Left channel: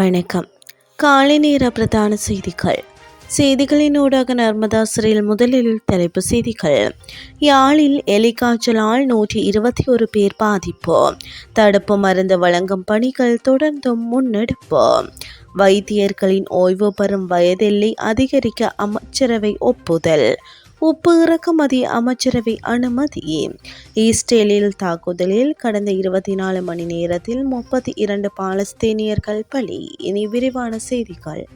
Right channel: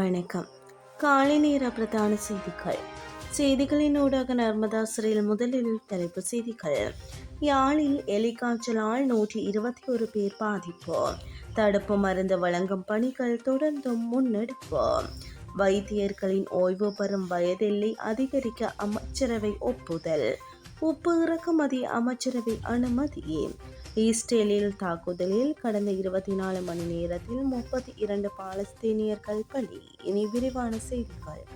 வணக்கம். காலை நேர பிரதான செய்திகள். செய்திகளின் ஊடாக நர்மதா சிறையில் முதலில் தலைப்பு செய்திகள். யாழில் எலிக்காய்ச்சலால் நூற்றி இருபத்தி ஒரு பேர் பாதிப்பு. தடுப்பு மருந்து வழங்கும் பணிகள் தொடர்ந்தும் முன்னெடுப்பு. வைத்தியர்களின் ஓய்வு பெறும் வயதெல்லை அதிகரிக்க அமைச்சரவை ஒப்புதல். உப்பு இறக்குமதி அமைச்சரவை அனுமதி ஈஸ்டேலில் தாக்குதலில் கடந்த இருபத்தி நாலு மணி நேரத்தில் முப்பத்தி இரண்டு பாலஸ்தீனியர்கள் பலி. இனி விரிவான செய்திகள்.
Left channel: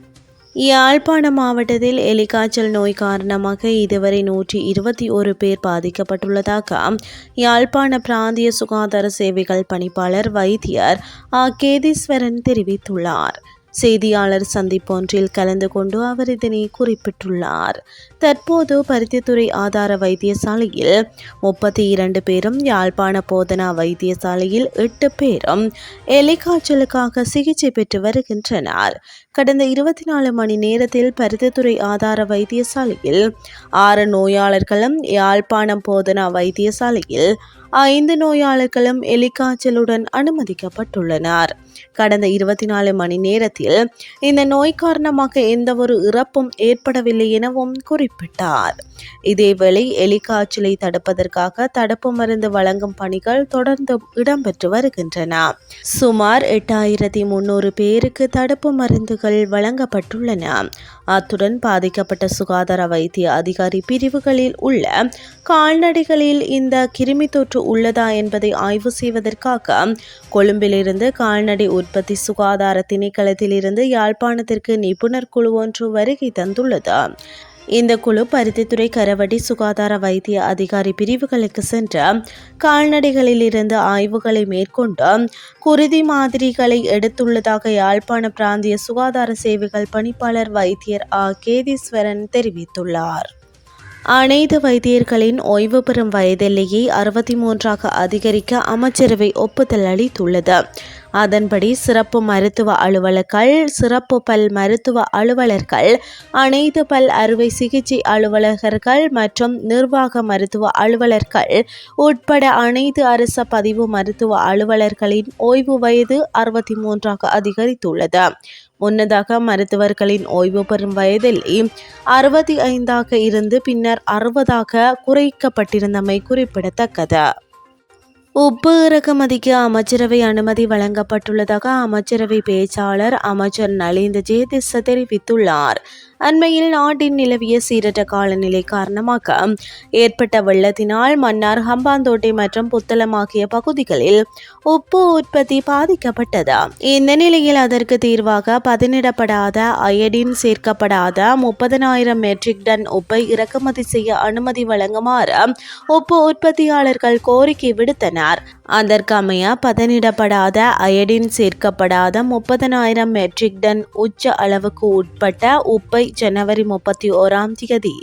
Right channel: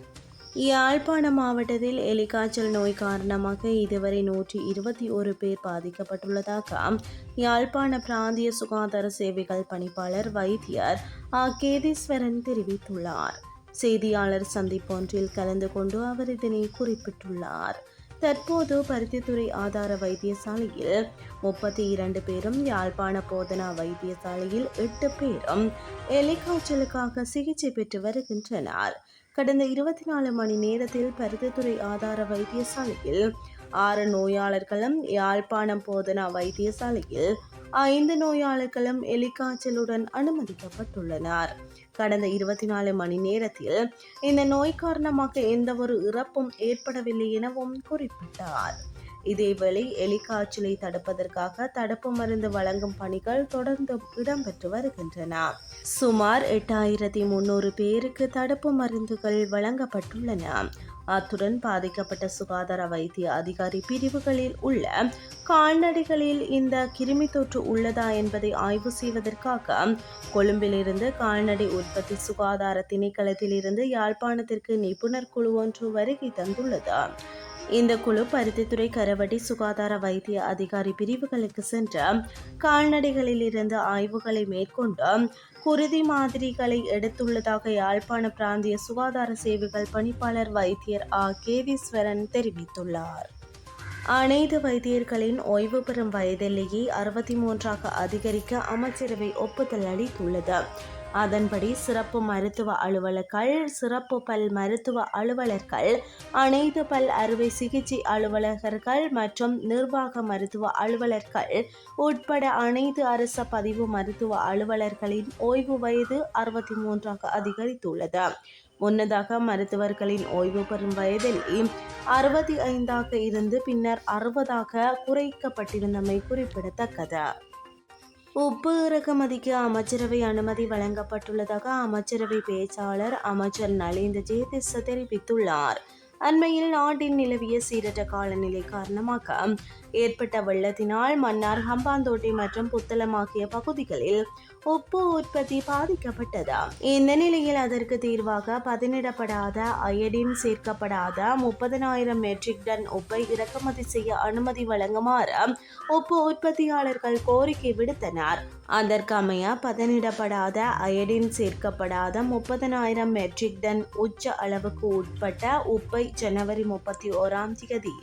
யாழ்ப்பாண மாவட்டத்தில் எலிக்காய்ச்சல் நோய் காரணமாக இதுவரை நூற்றி இருபத்தி ஒரு பேர் பாதிக்கப்பட்டுள்ளதாக யாழ்ப்பாண பிராந்திய சுகாதார சேவைகள் பணிப்பாளர் வைத்தியர் ஆ. கேதீஸ்வரன் தெரிவித்துள்ளார். செய்தியாளர் சந்திப்பொன்றில் கலந்து கொண்டு அவர் இதனை குறிப்பிட்டுள்ளார். தற்போது பருத்தித்துறை ஆதார வைத்தியசாலையில் முப்பத்தி இரண்டு பேரும் யாழ்ப்பாண போதனா வைத்தியசாலையில் எட்டு பேரும் எலிக்காய்ச்சலுக்காக சிகிச்சை பெற்று வருகின்றனர். கடந்த இருபத்தி நாலு மணி நேரத்தில் பருத்தித்துறை ஆதார வைத்தியசாலையில் ஆறு நோயாளர்களும் யாழ்ப்பாணம் போதனா வைத்தியசாலையில் ஐந்து நோயாளர்களும் எலிக்காய்ச்சலுடன் அனுமதிக்கப்பட்டுள்ளனர். கடந்த இருபத்தி நாலு மணி நேரத்தில் இந்த நோய் காரணமாக எந்தவொரு இறப்பும் ஏற்படவில்லை எனவும் குறிப்பிட்டார். இதேவேளை எலிக்காய்ச்சலை தடுப்பதற்காக தடுப்பு மருந்து வழங்கும் பணிகள் தொடர்ந்து இடம்பெற்று வருகின்றன. சுமார் எட்டாயிரத்தி முன்னூறு பேருக்கு தடுப்பு மருந்துகள் வழங்கப்பட்டுள்ளன. அத்துடன் பாதிக்கப்பட்ட சுகாதார வைத்திய அதிகாரி பிரிவுகளில் உள்ள கால்நடைகளில் இந்த கிருமி தொற்று உள்ளதா என்பதை ஆய்வு செய்வதற்காக கொழும்பிலிருந்து கால்நடை உற்பத்தி சுகாதார திணைக்களத்திலிருந்து யாழ்ப்பாணத்திற்கு நிபுணர் குழு ஒன்று வருகை தந்துள்ளது. இந்த குழு பருத்தித்துறை கரவடி சுகாதார வைத்திய அதிகாரி பிரிவுகளுக்கு சென்று கால்நடைகளில் இருந்து ஆய்வுகளை மேற்கொண்டு குருதி மாதிரிகளை எடுத்துள்ளதாக யாழ்ப்பாண பிராந்திய சுகாதார சேவைகள் பணிப்பாளர் வைத்தியர் ஆ. கேதீஸ்வரன் தெரிவித்துள்ளார். அனைத்து வைத்தியர்களின் ஓய்வு பெறும் வயதெல்லையை அறுபத்தி மூன்றாக அதிகரிக்க அமைச்சரவை ஒப்புதல் அளித்துள்ளது. அதன்படி சிறப்பு மருத்துவ அலுவலர்கள் சிறப்பு பல் மருத்துவ அலுவலர்கள் அனைத்து பல் அறுவை சிகிச்சை அலுவலகர்கள் மற்றும் நிர்வாக மருத்துவ அலுவலர்கள் உட்பட அனைத்து அரச பதிவு மருத்துவ அலுவலர்களின் ஓய்வு வயது அறுபத்தி மூன்றாக அதிகரித்துள்ளது. முன்னதாக மருத்துவர்களின் ஓய்வு பெறும் வயதில் அறுபத்தி ஐந்தாக இருந்து பின்னர் அறுபதாக குறைக்கப்பட்டிருந்தமை குறிப்பிடத்தக்கது. உப்பு இறக்குமதிக்கு அமைச்சரவை அனுமதி வழங்கப்பட்டுள்ளதாக அமைச்சரவை பேச்சாளர் அமைச்சர் நலிந்த ஜேதிச தெரிவித்துள்ளார். அண்மையில் நாட்டின் நிலவிய சீரற்ற காலநிலை காரணமாக ஏற்பட்ட வெள்ளத்தினால் மன்னார் ஹம்பாந்தோட்டை மற்றும் புத்தளம் ஆகிய பகுதிகளில் உப்பு உற்பத்தி பாதிக்கப்பட்டது. இந்த நிலையில் அதற்கு தீர்வாக பதனிடப்படாத அயடின் சேர்க்கப்படாத முப்பதனாயிரம் மெட்ரிக் டன் உப்பை இறக்குமதி செய்ய அனுமதி வழங்குமாறு உப்பு உற்பத்தியாளர்கள் கோரிக்கை விடுத்தனர். அதற்கமைய பதனிடப்படாத அயடின் சேர்க்கப்படாத முப்பதனாயிரம் மெட்ரிக் டன் உச்ச அளவுக்கு உட்பட்ட உப்பை ஜனவரி முப்பத்தி ஓராம் தேதி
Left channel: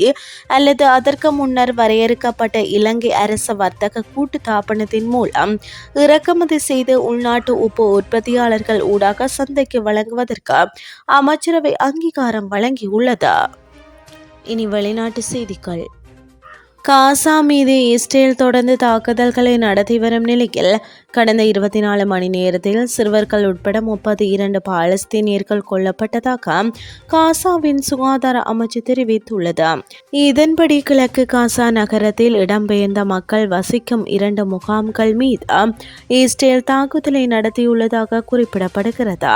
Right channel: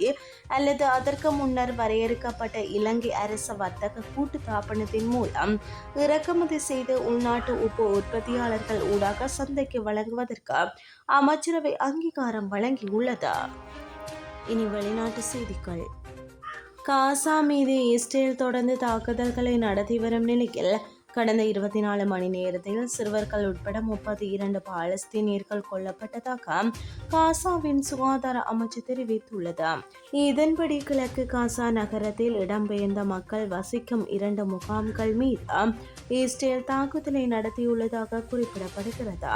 அல்லது அதற்கு முன்னர் வரையறுக்கப்பட்ட இலங்கை அரச வர்த்தக கூட்டு தாபனத்தின் மூலம் இறக்குமதி செய்து உள்நாட்டு உப்பு உற்பத்தியாளர்கள் ஊடாக சந்தைக்கு வழங்குவதற்கு அமைச்சரவை அங்கீகாரம் வழங்கியுள்ளது. இனி வெளிநாட்டு செய்திகள். காசா மீது இஸ்ரேல் தொடர்ந்து தாக்குதல்களை நடத்தி வரும் நிலையில் கடந்த இருபத்தி நாலு மணி நேரத்தில் சிறுவர்கள் உட்பட முப்பத்தி இரண்டு பாலஸ்தீனியர்கள் கொல்லப்பட்டதாக காசாவின் சுகாதார அமைச்சு தெரிவித்துள்ளது. இதன்படி கிழக்கு காசா நகரத்தில் இடம்பெயர்ந்த மக்கள் வசிக்கும் இரண்டு முகாம்கள் மீது இஸ்ரேல் தாக்குதலை நடத்தியுள்ளதாக குறிப்பிடப்படுகிறது.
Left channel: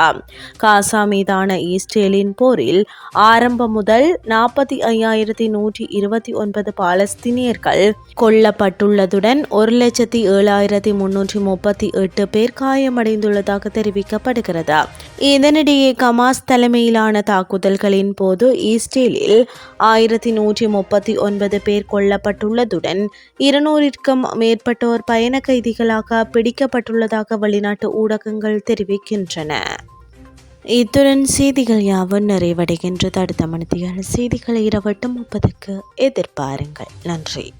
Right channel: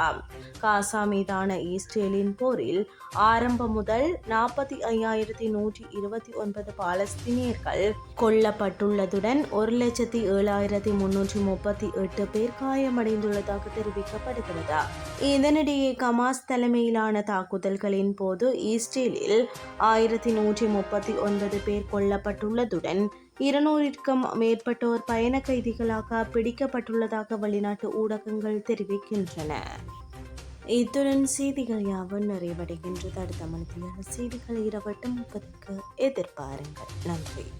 காசா மீதான இஸ்ரேலின் போரில் ஆரம்பம் முதல் நாற்பத்தி ஐயாயிரத்தி நூற்றி இருபத்தி ஒன்பது பாலஸ்தீனியர்கள் கொல்லப்பட்டுள்ளதுடன் ஒரு லட்சத்தி ஏழாயிரத்தி முன்னூற்றி முப்பது முப்பத்தி எட்டு பேர் காயமடைந்துள்ளதாக தெரிவிக்கப்படுகிறது. இதனிடையே கமாஸ் தலைமையிலான தாக்குதல்களின் போது ஈஸ்டேலில் ஆயிரத்தி நூற்றி முப்பத்தி ஒன்பது பேர் கொல்லப்பட்டுள்ளதுடன் இருநூறிற்கும் மேற்பட்டோர் பயண கைதிகளாக பிடிக்கப்பட்டுள்ளதாக வெளிநாட்டு ஊடகங்கள் தெரிவிக்கின்றன. இத்துடன் செய்திகள் யாவும் நிறைவடைகின்றது. அடுத்த மணித்தியான செய்திகளை இரவட்டு முப்பதுக்கு எதிர்பாருங்கள். நன்றி.